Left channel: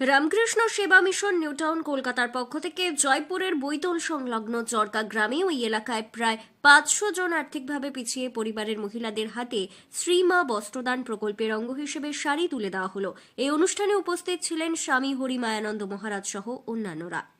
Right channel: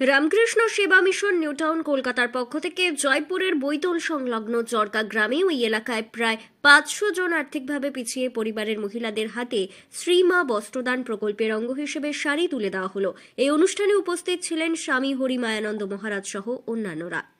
রামকৃষ্ণ সেবা মিশন নিউটাউন কলকাতার পক্ষ থেকে জয়পুরের বৈতল সংলগ্ন চরকা গ্রামে ওই এলাকায় প্রায় পাঁচশো জন আর্থিকভাবে পিছিয়ে পরিবারের মহিলাদের হাতে শ্রীমা বস্ত্রদান প্রকল্পের অঙ্গ হিসেবে শাড়ি তুলে দেওয়া হলো। এই অনুষ্ঠানে উপস্থিত ছিলেন স্বামী হরিমায়ানন্দ মহারাজ সহ অন্যান্যরা।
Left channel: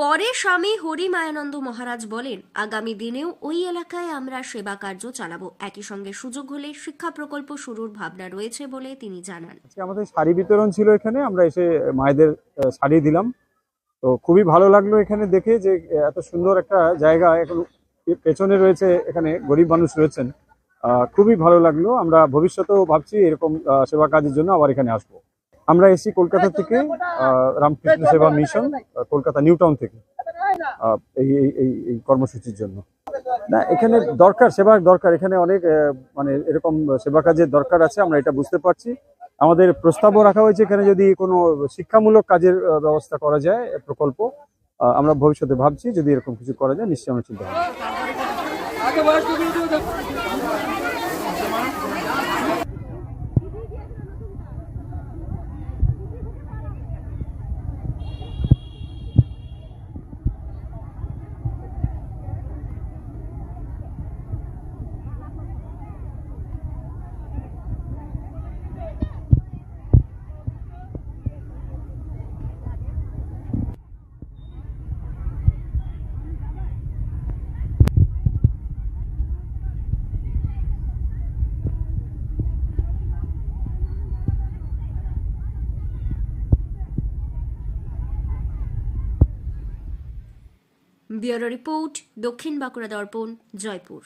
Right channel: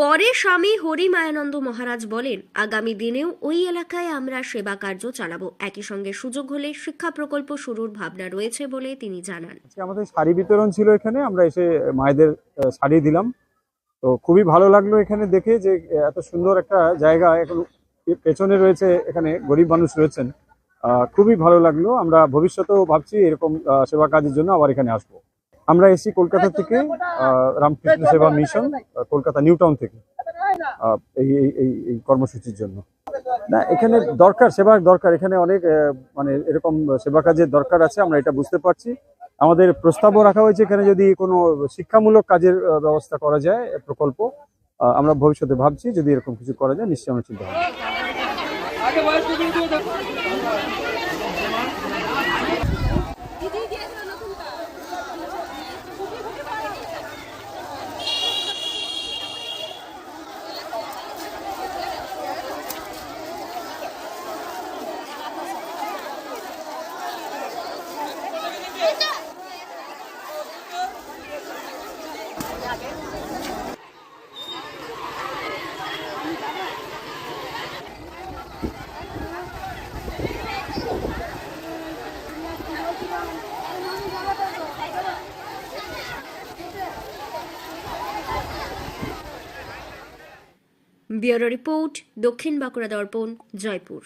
পরে স্বামী হরিমায়ানন্দ মহারাজ বলেন, আগামী দিনেও ওই এলাকায় আমরা সেবা কার্য চালাবো। একই সঙ্গে সুযোগ হলে শিক্ষা প্রকল্প শুরুর ভাবনা রয়েছে বলে তিনি জানান। আমাদের শাড়ি বিতরণ ছিল এখানে, আমরা এসে মায়েদের শাড়ি দিলাম। তো খুবই ভালো লাগল এখানে দেখে যে এত সুন্দর একটা জায়গা এখন পেছনে রয়েছে, এখানে গরিব মানুষ রয়েছেন। খুবই ভালো লাগল। আমরা ভবিষ্যতেও ভাবছি এরকম সেবা কাজের জন্য আবার এখানে আসব। আমরা এসেছি কলকাতা থেকে আহ, রামকৃষ্ণ সেবা মিশন কলকাতা নিউ টাউন থেকে আহ, এই এই- এই এই কর্মসূচির জন্য। না এখানে দরকার সেবার দরকার। এখানে অনেক আহ, মানে এরকম সেবা কাজের দরকার আছে আমরা এটা বুঝতে পারছি। আমাদের প্রস্তাবও রাখা হয়েছে এখানে যদি কোনো শিক্ষামূলক কাজের ব্যবস্থা করা যায় প্রকল্প আহ, আমরা ভবিষ্যতে ভাবছি যদি এরকম কিছু করা যায় নিশ্চয়ই আমরা চিন্তা ভাবনা ব্যুরো রিপোর্ট দক্ষিণ বাঁকুড়া দর্পণ জয়পুর।